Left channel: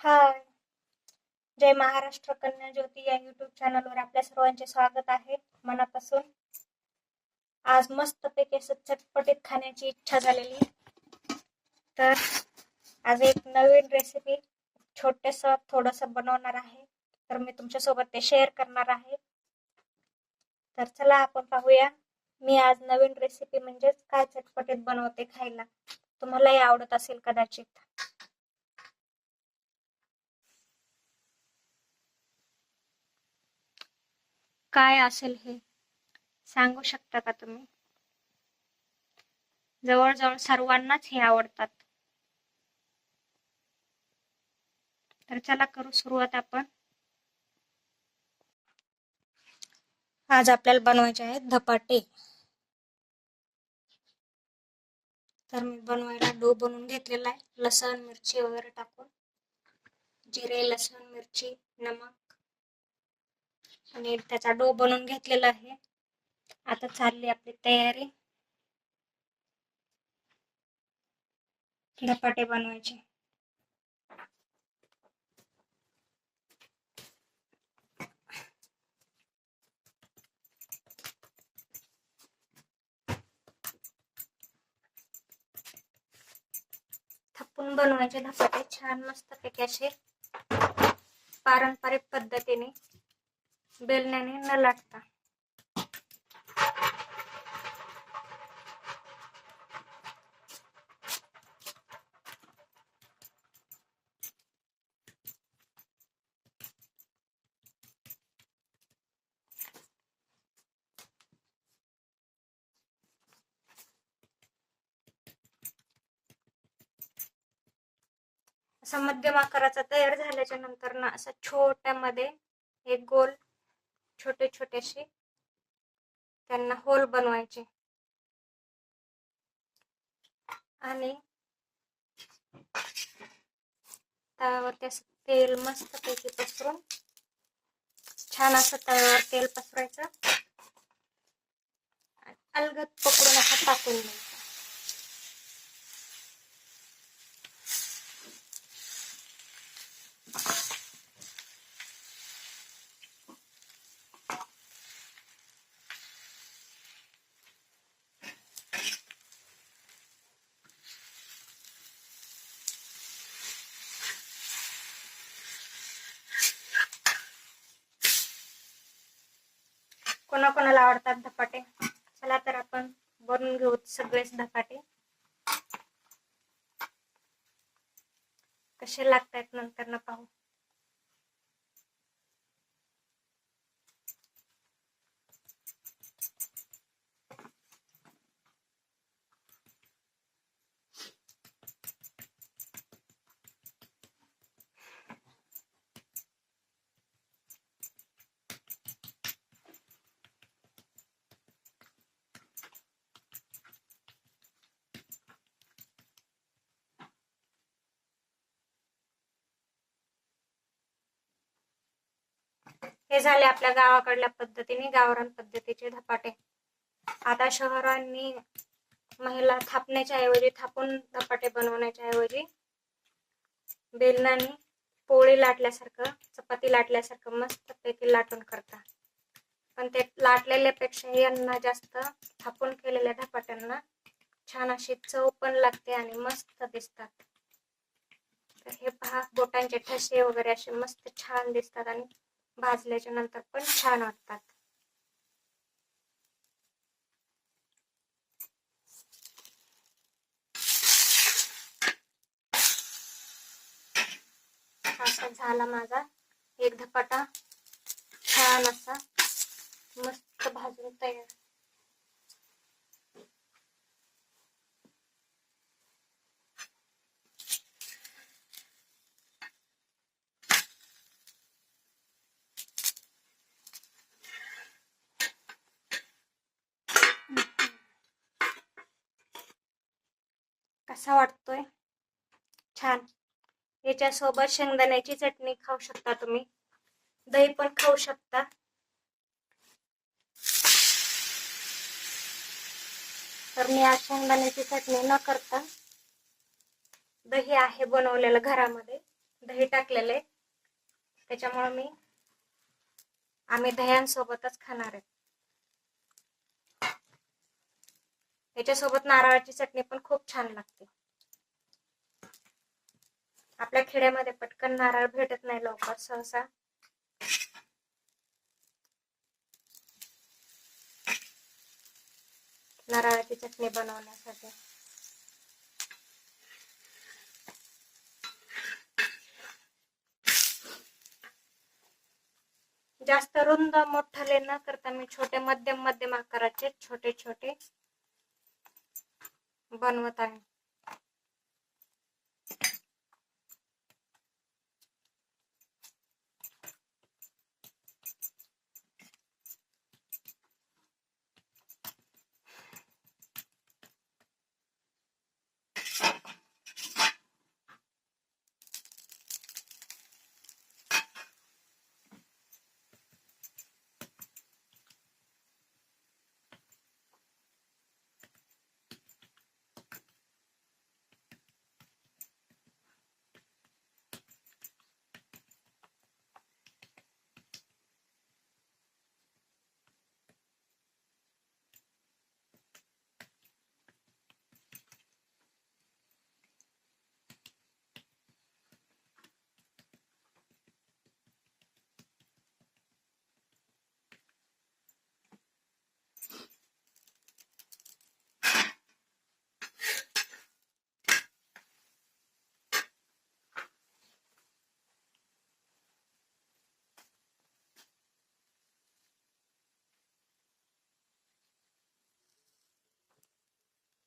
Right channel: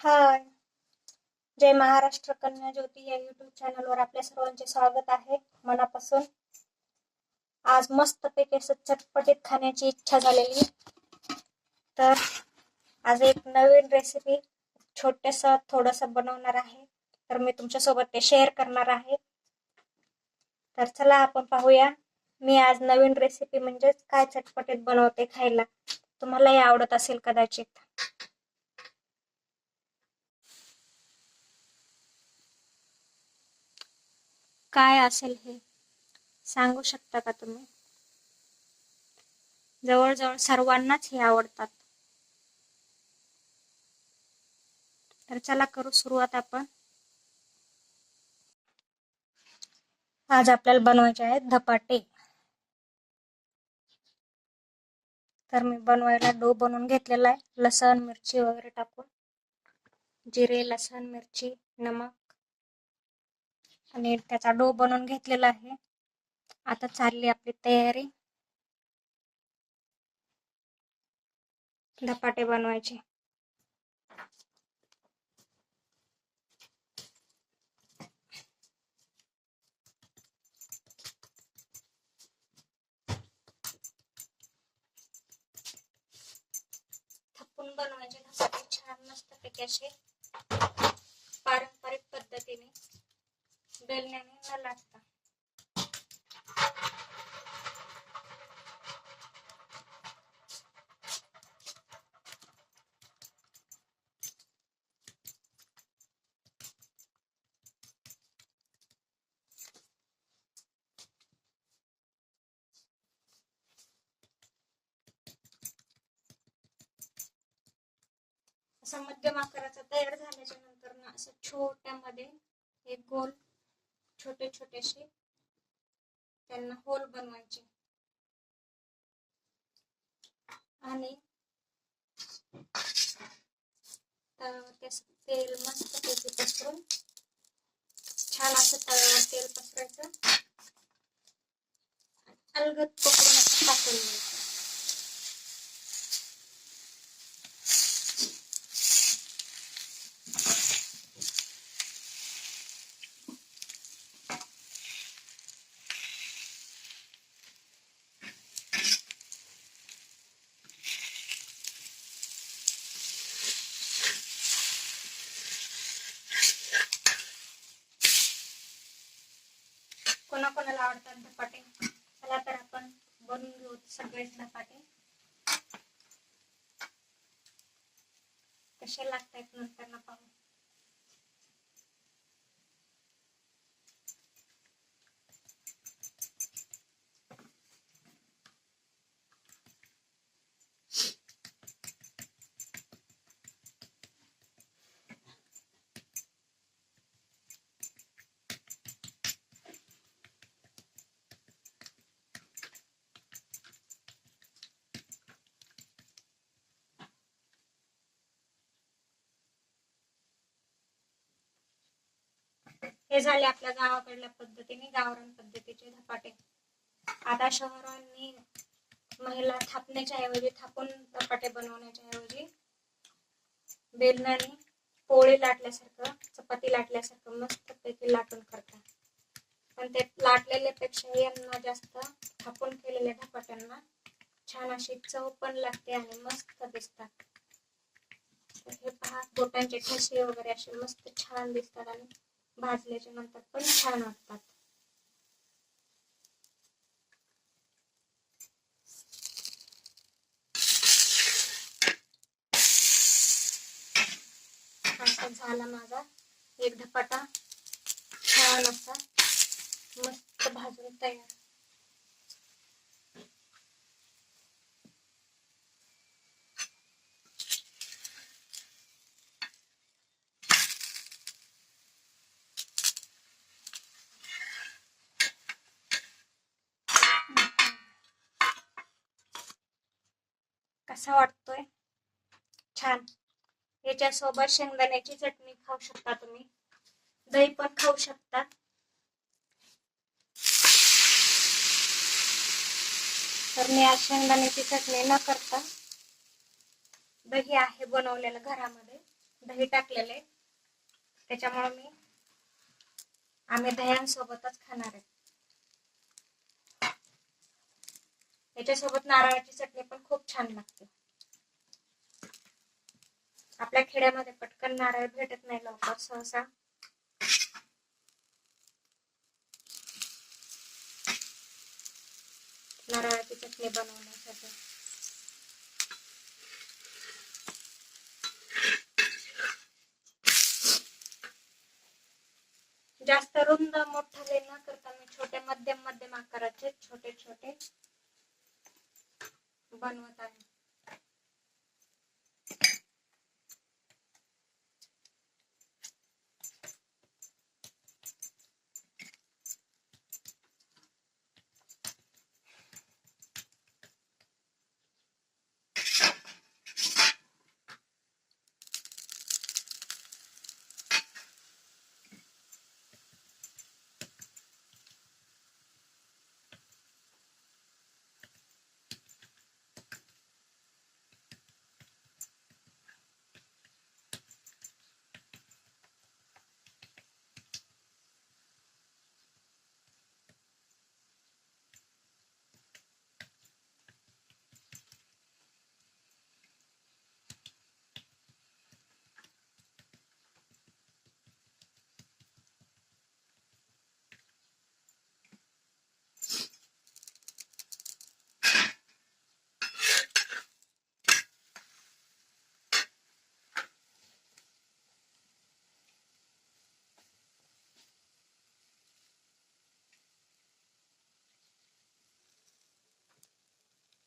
हाय, जय महाराष्ट्र कन्या ज्योती या यूट्यूब चॅनलवर आपल्या सर्वांचे स्वागत आहे मनापासून. आज मस्तपैकी असं चटपटीत खाण्याची इच्छा झालेली, तर आज एक नवीन रेसिपी छोटंसं थोडंसं बनवणार आहे. तर मी तुमच्यासोबत ते शेअर करणार आहे. तर चला आपण पाहूया. मी आज नवीन रेसिपी म्हणजेच काय चटपटीत बनवते खायला, तुम्हालाही आवडत असेल कदाचित. काय असेल हे सांगू शकता का तुम्ही? जवळजवळ सर्वांनाच हे आवडतात. तर चला करू सुरुवात आपण. आज आपल्याला बनवायचे आहेत धपाटे. तर मी बनवायला डो बनवून घेतलेला आहे, लसण मिरची वगैरे टाकून, जिरे लसण मिरची नमक, आणि त्याचा डो बनवून घेतलेला आहे. आता चालली आपली तयारी धपाटे बनवायचे. थापून बनवायचे धपाटे, छान मस्त पैकी असे पारंपरिक पद्धतीने, बेलण्याने न लाटता. असं मध्यम आकाराचा तयार झाल्याच्या नंतर ना असं छोट्यामध्ये एक गोल छोटे छोटेसे त्यांना होल बनवायचे आणि तव्यावरती असं तेल मस्त पैकी पसरून, छान असं तव्यावर तेल पसरायचं, अलगद पकडून असं टाकून द्यायचं. कोणाकोणाला आवडतात धपाटे? चला तर आपण बनवून घेऊ सगळेच धपाटे. कसे लागतात नंतर न पाहू. हे झाले आपल्या गावाकडल्या पद्धतीने, गावरान पद्धतीचे धपाटे. आता शहरांनी महिला थापण्याच्या ऐवजी, थापून धपाटे बनवण्याच्या ऐवजी बेलनाने पोळी लाटल्यासारखं, चपाती लाटल्यासारखं मस्त पैकी लाटून करतात. पण ते लाटलेल्यापेक्षा यांना जास्त थापून केलेल्या धपाट्यांना छान अशी चव पण लागते आणि मस्त दिसतात. तर हे पहा, बोटांचे ठसे वगैरे असे मस्त छान दिसतात आणि भाजल्याच्या नंतर पण छान वाटतात. असा झाला माझा एक धपाटा, छान असा मस्त भाजून तयार. कसा वाटतोय? छान. याच्यासोबत शेंगदाण्याची चटणी खाऊ शकता तुम्ही, दही पण खाऊ शकता. तर मी आज शेंगदाण्याची चटणी न करता दही आहे बनवलेलं घरामध्ये, दही टाकलेले, त्याच्यामुळे आम्ही दह्यांसोबतच खाणार आहे. याच्यासोबत नारळाची चटणी पण खूप छान लागते. आपल्या खेड्यामध्ये पटकन नारळ भेटत नाही लवकर सहसा. नारळाची चटणी बनवण्यासाठी जास्त रुंद मोठाले न करता मी छोटे मध्यम आकाराचे छोटे छोटे बनवत आहे.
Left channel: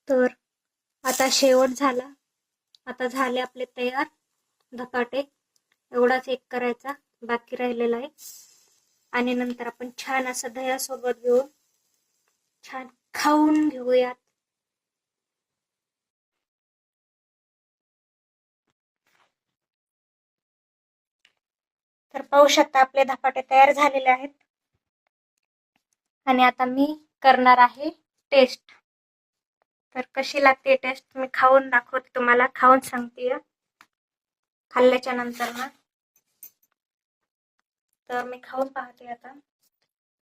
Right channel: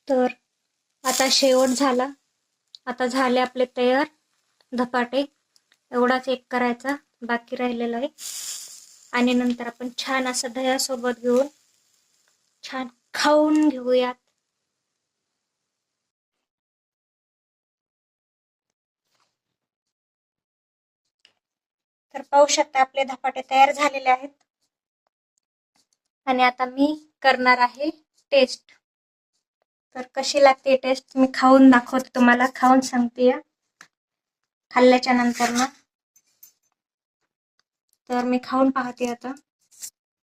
तर आता शेवट झाला. आता झाले आपले तयार धपाटे. एवढाच एक करायचा बाकी राहिलेला आहे. आणि नंतर आपण छान असं दह्यासोबत घेऊन छान खाऊन घेऊयात. तर पाहू शकता आपले धपाटे तयार झालेले आहेत. आणि आता मी करणार आहे टेस्ट. तर कशी लागते टेस्ट मी खाऊन दाखवते तुम्हाला, खाऊन सांगते खाल्ल्याच्या नंतर ना. तर मी खाऊन पाहते आता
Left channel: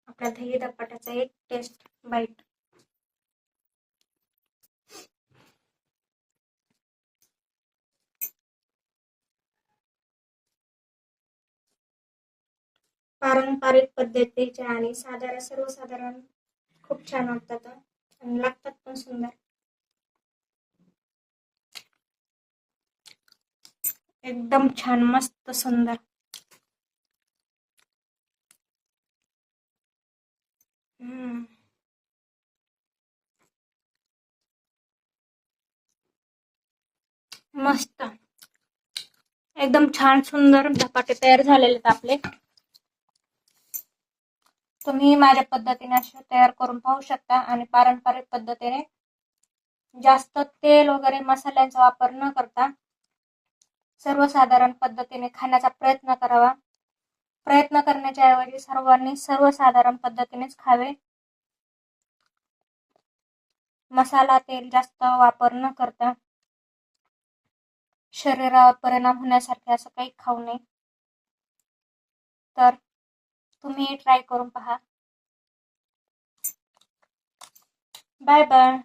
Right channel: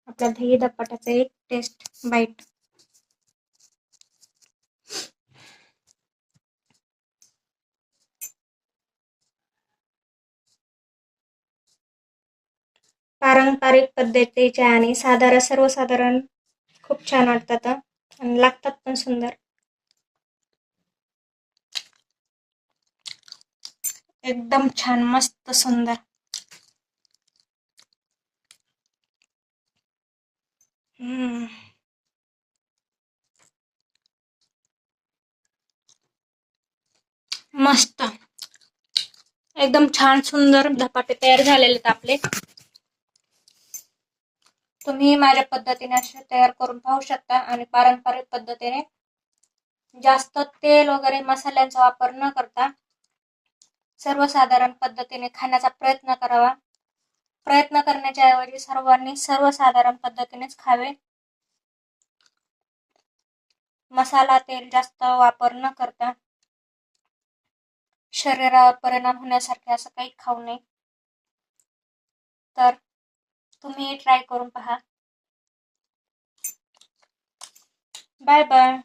आपल्या दही धपाट्याचा एक टेस्ट बाईट. पारंपरिक पद्धतीचे आणि सर्वसाधारण खूप छान वाटतात आणि लागतात पण सुंदर. एकदम छान मस्त सुंदर. मस्त एकदम छान सुंदर धपाटे तयार झालेले आहेत आपले. तुम्ही माझ्या पद्धतीने असे तयार करून पाहू शकता. आणि पारंपरिक पद्धतीने जास्त तेल वगैरे मसाल्यांचा वापर न करता सर्वसाधारण पद्धतीने खाण्याचा प्रयत्न करावा. प्रयत्न करण्याच्या ऐवजी सर्वांनी सर्वसाधारण पद्धतीनेच खावे. मसाला तेल जास्त वापर न करता शरीरावर परिणाम होण्यासारखे असं काही खाऊ नये. तर तुम्ही ट्राय करून पहा. Bye bye.